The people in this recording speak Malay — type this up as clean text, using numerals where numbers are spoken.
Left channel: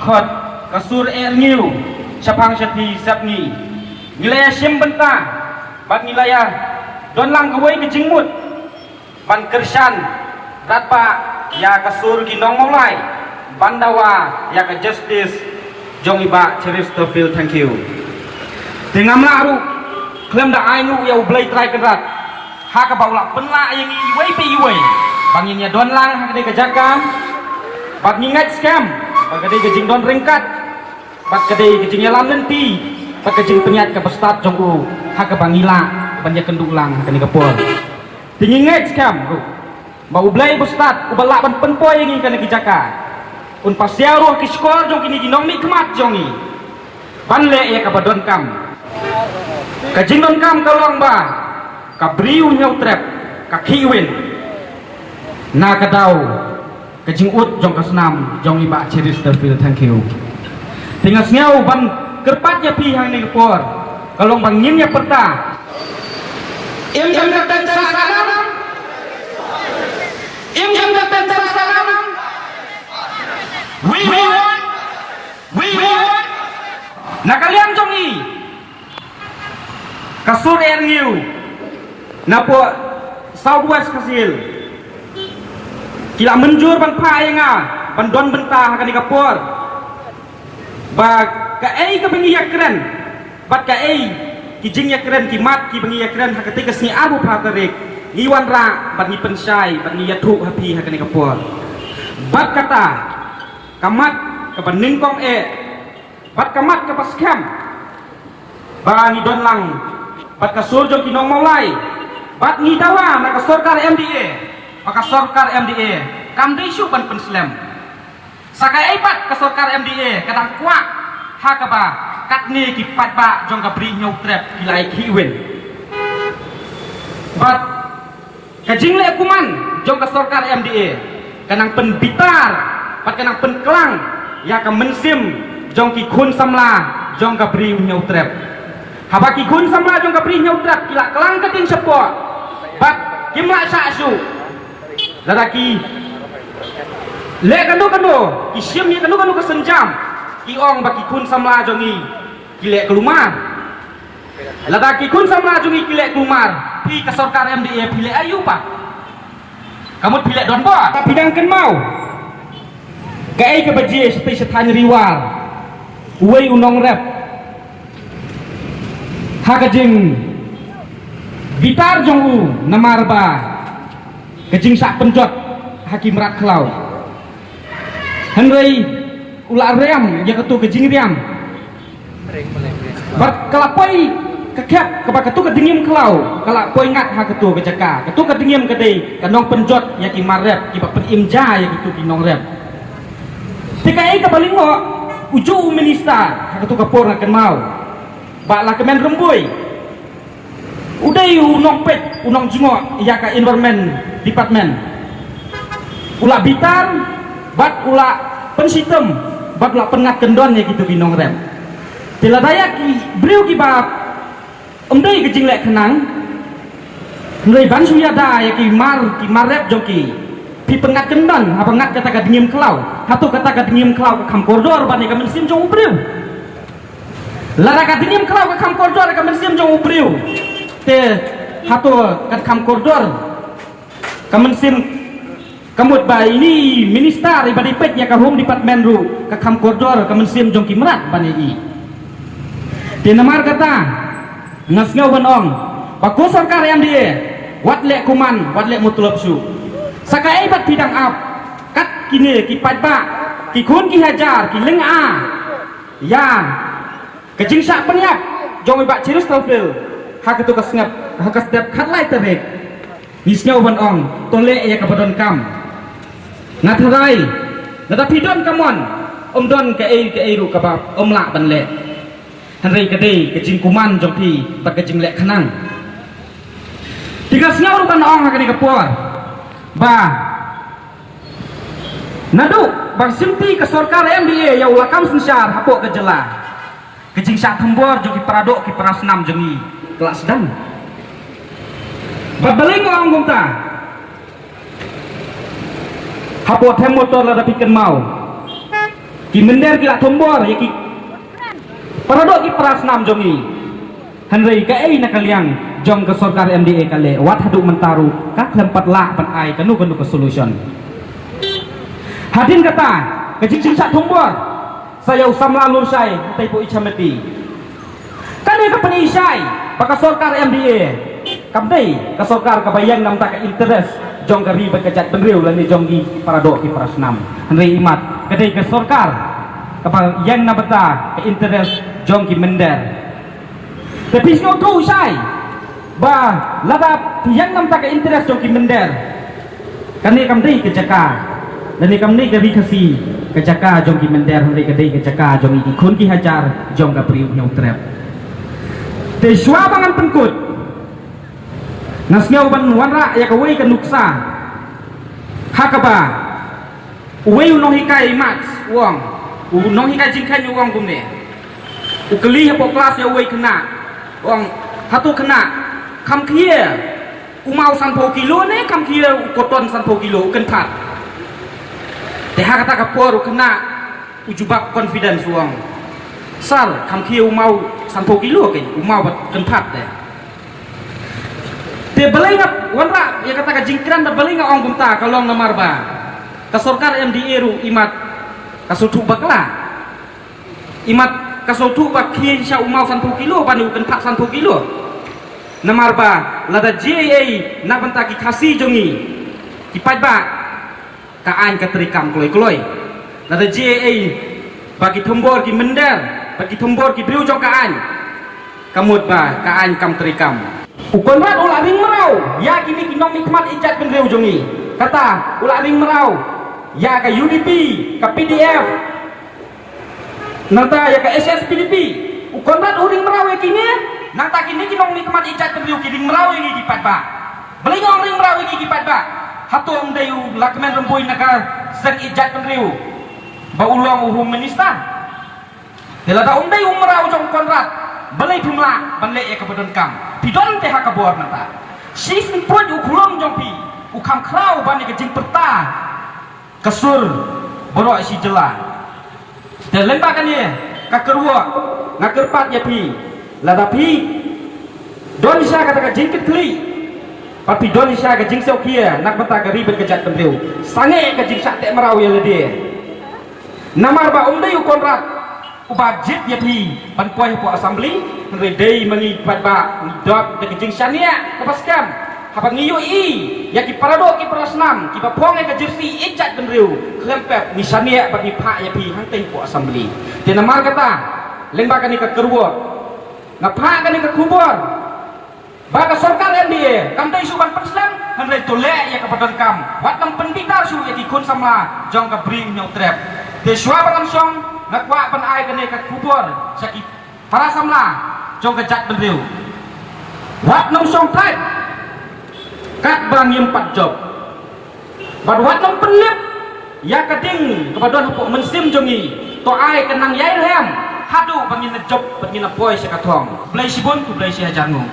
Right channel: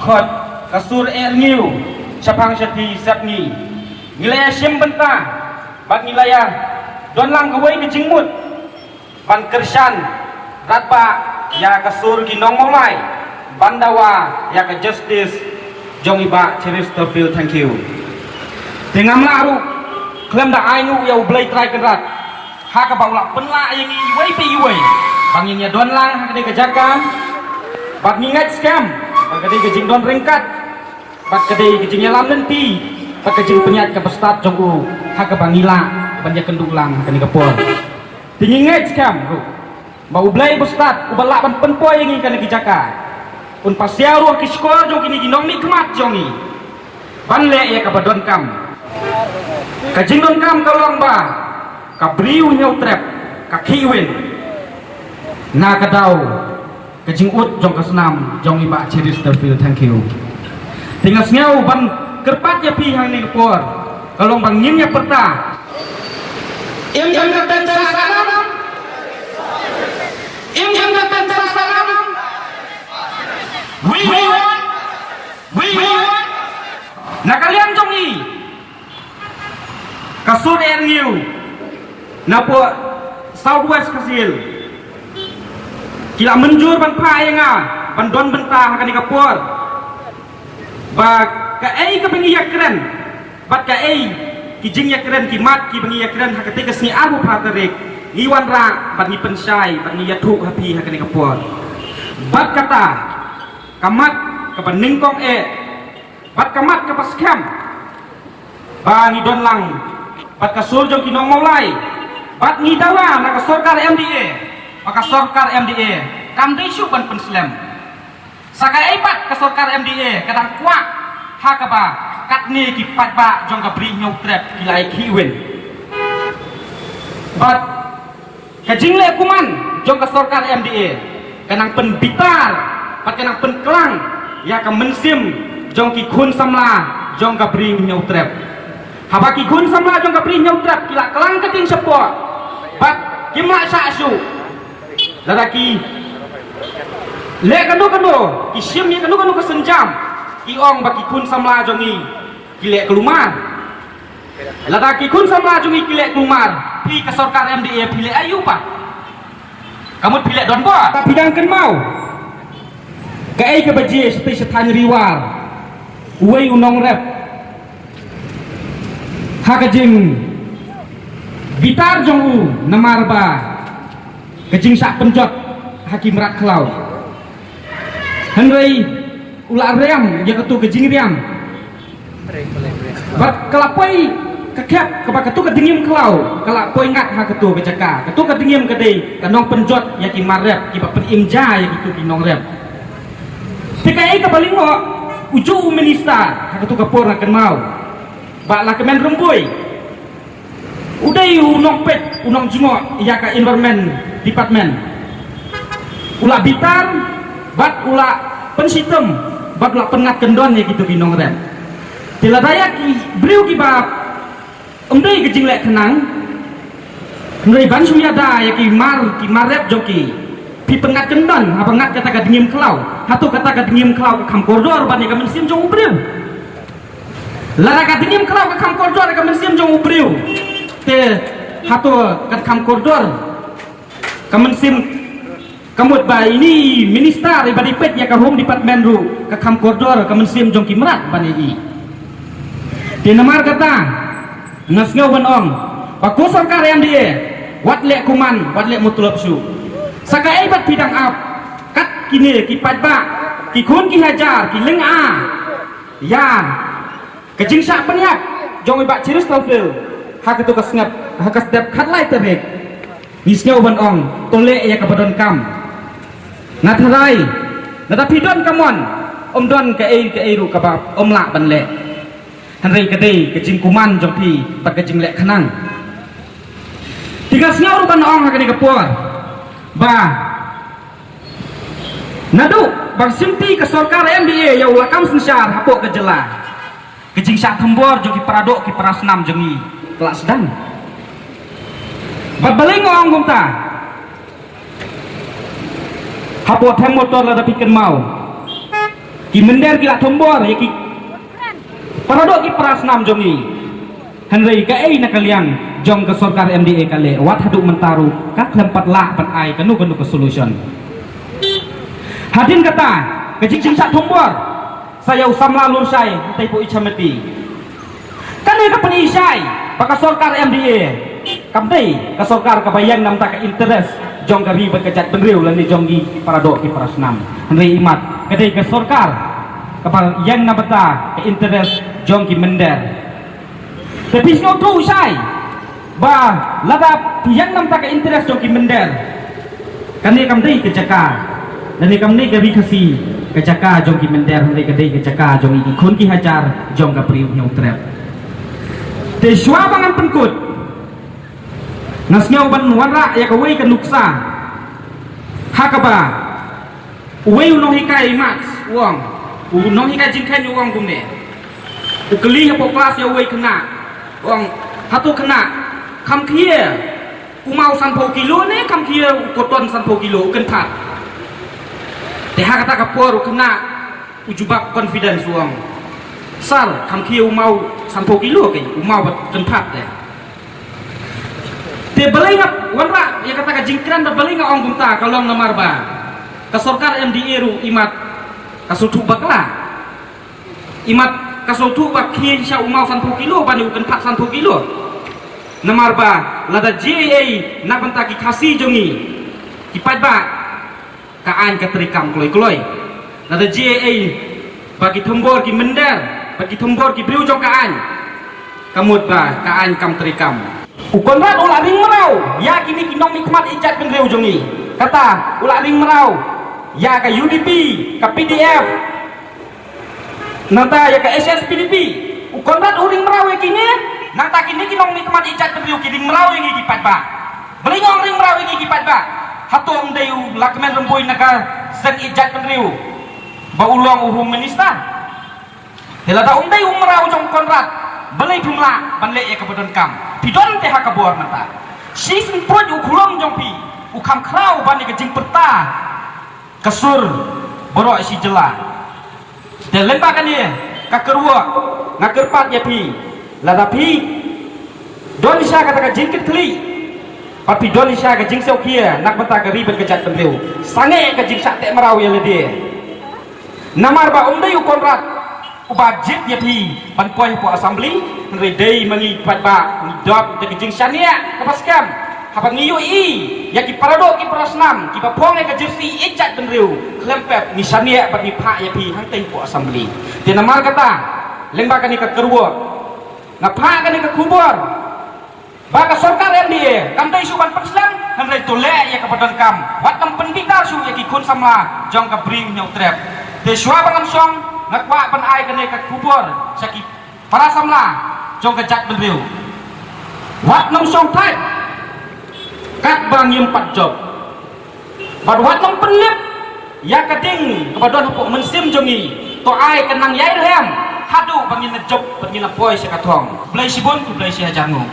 khot kasur erniu sapang sepi sapni nilai sim bentah bag nilai don lang kawai kejingmut ban kersan ratpa ya kasur ginong mulai bandawa ya ke justice jong iba Chesterfield. Thank you dengan melaru klaim dah ainu ya ublay try kerat ha ka baula penla yang iwai pe iwai banginnya don lang ha kedai kejakam bag ningat scam bag kedai kejing don ringkat bag kedai kejing lam nanti bag kejing penyat ke bestat jong u ha ka bangila banyak kendung lang ha kedai kepol tingingat scam ba ublay bestat ubala ban penpoy yang ikan lagi jaka un pasiau ruh ke sekolah jong kini ginong ni kemat jongi banle ya ka badon kam kejing don kam kalong ba ka briu nyau trap ka kiwin na kadau kejing ut jong kasnam jong iba Chesterfield. Thank you tinggal ngau ban kerpat ya pi hang ni por kalong bangin ya peta im jam katan salam im jam katan salam we want na kalian jong i kasur erniu na po southwest kasil kila menjur ban paenga ban don bentah kan dikapor ba ka ai ka bengi yakren bat ka ai kijing yakren kimat ki bengi yakren ha ketika sni abu prakarek iwan ra bat ni pensai bat ni yathu hapi ha kan dikapor bat kata kamat ke beningkong bat kamat ke paskem ba ni don lang bat kasur jong kinong mulai bat ni dawa na kasorkar MDA maka sorkar MDA kam disu ban penslam sakai bat kasorkar MDA kadang kuak ha ka ba kat ni ki pat ba jong ka bri nyau trap ilai kiwen bat kajing le kuman jong kasorkar MDA kanang penbitar bat kanang penklang ya ka mensim jong ki khun samla jong ka bri nyau trap habaki gun sama jong ka bri nyau trap kila kelang kating sepo bat kimla sa asu lalaki le kanu isim ya kanu kesenjam iong baki kun samla jongi kile kelumar lalaki kun samla jongi kile kelumar pi ka sorkar MDA pile ayu pa kamu pile don bo bidang ken mau ka ai ke baji setai setanya riwar uai unong rap hakajing gitar jongu namarba kejing sak penjot hakim rak klau henrei ular ream ya ketu kejing ream bat kalapoi kekep keba ketu kedingim klau kalapoi ngat ha ketu kejaka ketu kedingim kedai kanong penjot ya ki marep ki bak penimja ya ketu kinong rep tikai ka balingo uju minister ha ketu kapor akan mau bak la kemen rembui udai unong pet unong jingok ya ka environment department ula bitar bat ula pensitem bat ula pengat kendon ya gitu ginong rem tila daya ki briu ki bab emdai kejing lek kenang ngai ban suyada ya ki marep joki pi pengat kendon ha pengat kata ka dingim klau hatu kata ka dingim klau ka kam koridor ban ka mensim jong briu lara ka dingim klau ka kam koridor ka mensim jong briu te hatu kat kam koridor kamen sim kamut ba ini minister ibadi pet ya ka home department ru ka kam koridor kamen sim jong kimrat bani i te namar kata nasngau ban ong baku sarkar yang dia wat lek kuman wat lek mutulap su sakai bat bidang ap kat kini ki pat ba ki kun ki hajar ki leng a ya kejing sak penyap jong ibak Chesterfield hak itu kesngap hak setiap khat lai terek nisnya uban ong tole ya kabadon kam ngatharai nata pidon kamon don ke ai ru kabab la ban le hanrei kadei kejing kuman jongpi tak kejing lek khanang tiga sngau ban ong hak ni kapor ba nadu bang simpi ke sorkar MDA ya ulakam sensar hapok ke jela kejing sak thembor jongki paradok ki prasnam jengi kelas dan babaling ong gumta hapo them motor la dapikan mau ki mender ki lak tombor ya ki paradok ki prasnam jongi hanrei ka ei nak kalian jong ke sorkar MDA kale wat haduk mentaru ka klempat lak pan ai kanu ke solution hadin kata ke jing sak tombor saya usam lalu sai tai po ichamati kali ka pani sai paka sorkar MDA kamdei ka sorkar ka bayang nam tak interest jong ka ribet kejat benriu lani jonggi paradok ki prasnam hanrei imat kadai ke sorkar kapal yang nabata ke interest jong ki mender tapi snow tu sai ba laba yang nam tak ke interest jong ki mender kani kamdei ke jaka dan kamdei ke rikasi ke jaka jong ki mender hanrei kadai ke jaka jong iki khun ki hajar jong ka priu nyau trap te shwa bangan penkut nasnyau ban warra ya kawai ke nuksa hakaba uwei no hikai max uang no hikai jingkai uang kumne ukeli ya kelas ya uwei kena uang hatu kena kam kia umau sanpo kilo ne kam kia koton sanpo kilo uken pat te hakata kapor kena ujubak confidence uang sal kam kia umau sanpo kilo ke umau uken pat deh te belingat wanra ya kata ka jingkran da belingat ong kumta kalong namar ba ka sorkar MDA ru imat kasutu bakla imat kasutu bak kien sya umau 10 kilo bani uken 10 kilo namar ba lada JA na banta ki khasi jongi ki ba ka an ka trikam kloi lada JA bagi tombor ki mender bagi tombor ki briu jong ka an kamut ba ka an kam trikam ukonrat ulak ring merau ya kini kinong nikmat ijat penreu jongi kata ulak ring merau ya ke UDP ke PDF nanta ya ke SSPDP ukonrat uring merau ya kini nanta kini kinong nikmat ijat penreu kiring merau yang ikipat ba beli ngong ring merau yang ikipat ba hatu om dayu lakmen remboi naka sen ijat penreu ba ulang uhum minister helada om dayu merau jong konrat beli jumlah banlek ya kebetulan kam pidon teh kabor nata sis pun ukulong jompi ukam krau bani ke jing perta kesur borok si jela dan lembakan ni kakerwa ngakerpat ya pi lada pi don sya kata ka jing kli tapi don sya ka jing saukia nak benta ka ribet kejat temreu sange ka jing sak tek merau ya lede namar ba umdai ukonrat ubajit ya pi panpuai po assembly redai mangi patba dot de jing syania kepaskam hapat ngiyo i ya ki paradok ki prasnam ki bapong ke jersey ijat benreu klempep ni syania bagi pak ya pi hangtai po assembly de namar kata lembaga ni ke kerwo ngapa kan ni ke kubur baka sorkan MDA kam dai suban paslang handai tolek ya kebadan kam bat kam pendikar su ya ki kun sama jong ka bring nyau trap de shwa banam song nakwa pan ai kene ka kubur sakit para samla jong ka jak benreu wat nam song type kat bang yem pat job bad wat nam penlip ya kading kebadon hapuk mensim jongi to ai kenang yai hem hadu bangin job bangin apoy sekathong blai sibon ku blai si hajarmu